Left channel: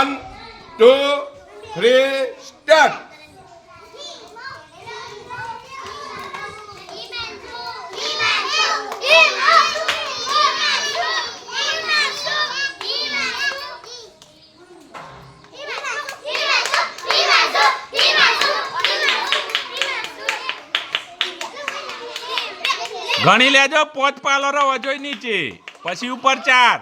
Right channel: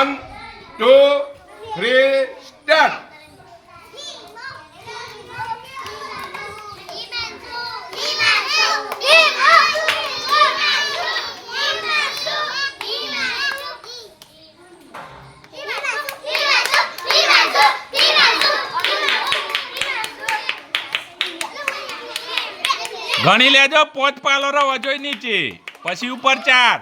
1 2 3 start. ગણી લેજો 5 પાલરો વજોય નીચે પછી ઉપર 4.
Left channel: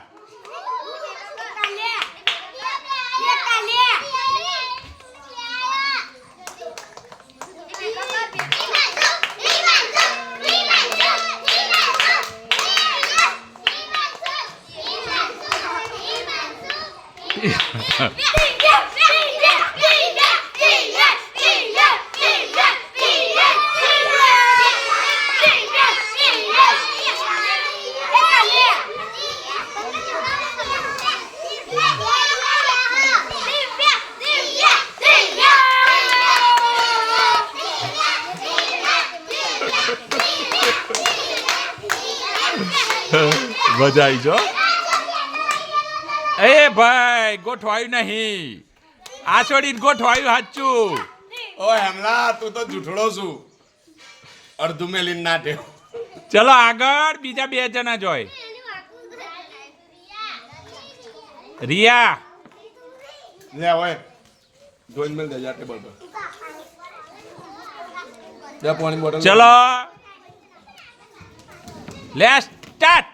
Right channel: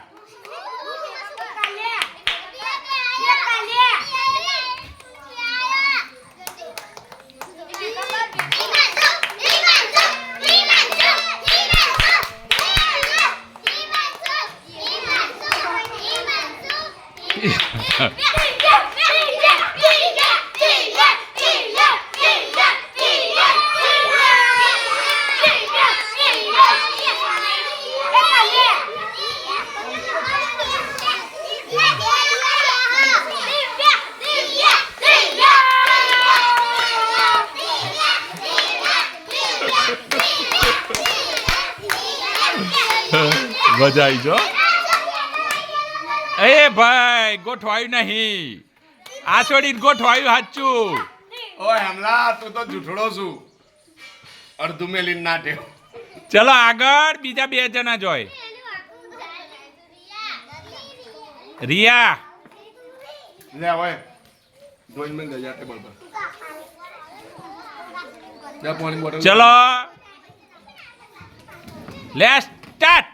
મજા આવી જો. એ ભાઈ ગોઠવાયું નહીં, આ છોડીને ગોઠવાયું સાચું. ઓય હમલા તું તો જૂઠડો છું, અડધું મેલીન નાટ્યો. ચલો આગળ બીજા 2 જણા જોય. રિયા લે ઓય જોઈન મેલ દે જાતે બોલ. લે પાણી બોટલ. ચલો લેટ્સ સ્ટાર્ટ.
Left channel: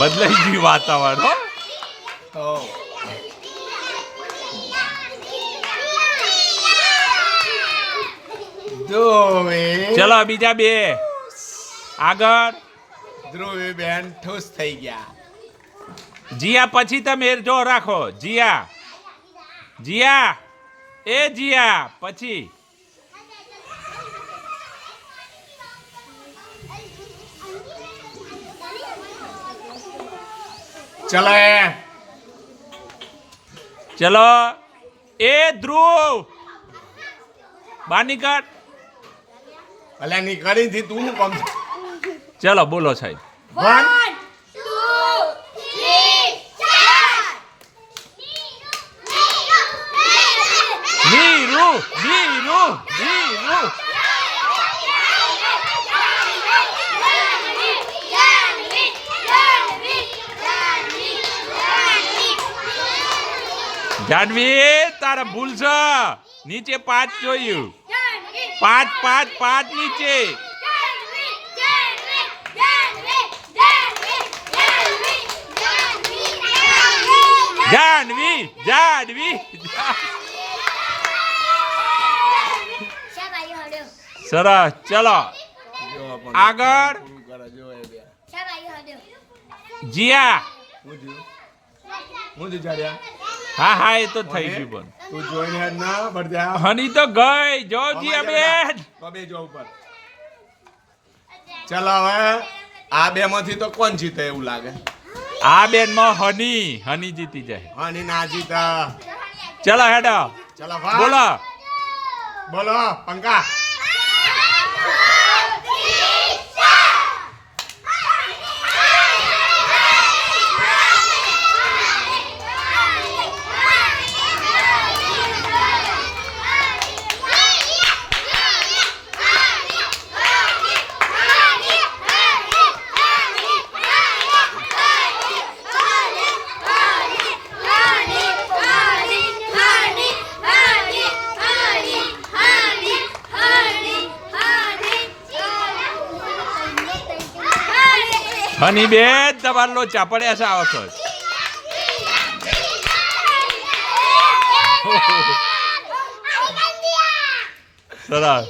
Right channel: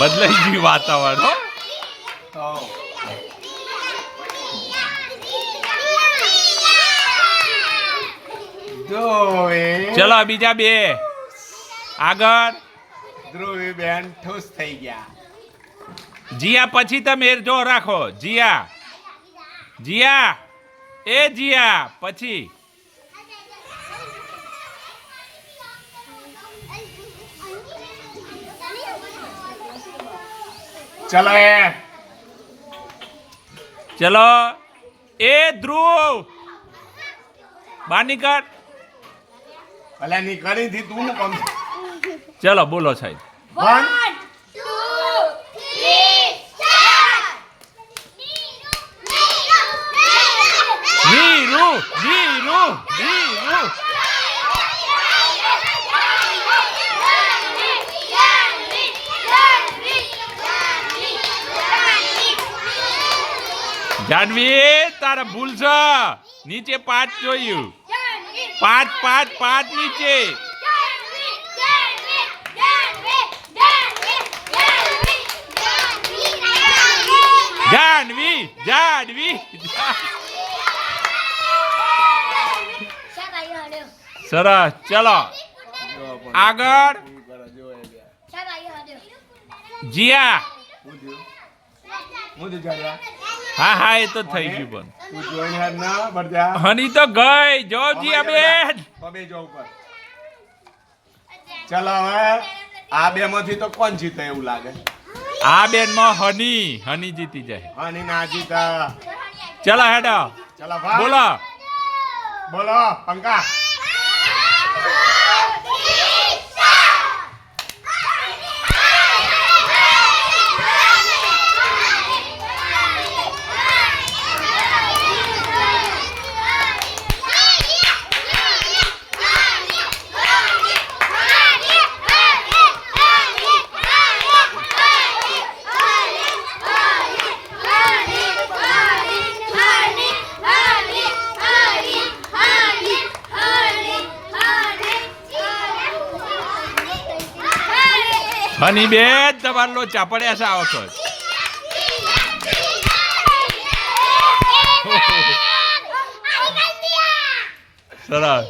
બદલાઈ ગયું વાતાવરણ હો. ચલો બીજા 2 આગળ. ધ્રુવી બેન ઠોસ થઈ ગયા. જીયા પછી તમે જો રાખો. જીયા જીયા એ જીયા પછી. ચલો ચલો એ ધ્રુવ બહાર નીકળ. અલ્યા ની કરી થી તું કમ. ચલો બોલો સાહેબ. 1 નીરુ નીરુ નીરુ. જાનવી તારા ભૂલ છે. નીચે 5 જોયું. 5 5 5 નીચે. જાનવી જાનવી. સરસ ચલો આગળ. જીયા. હા હા એ તો થઈ ગયું પણ તું જોઈન હેડ ના બરજા. હની તો ગઈ જો જીયા બેન. બબે જો ઉપર. ચલો હવે આ 2 માંથી તો કોણ જીતે એવું લાગે? આ બેન માં હની જીતી જાય. હની ના જીતા. ચલો હેડો ચલો ભાઈ બોલો. બોલો પંકા. હની બેન તમારે લોચા પડ્યા છે આ વખત. સરસ.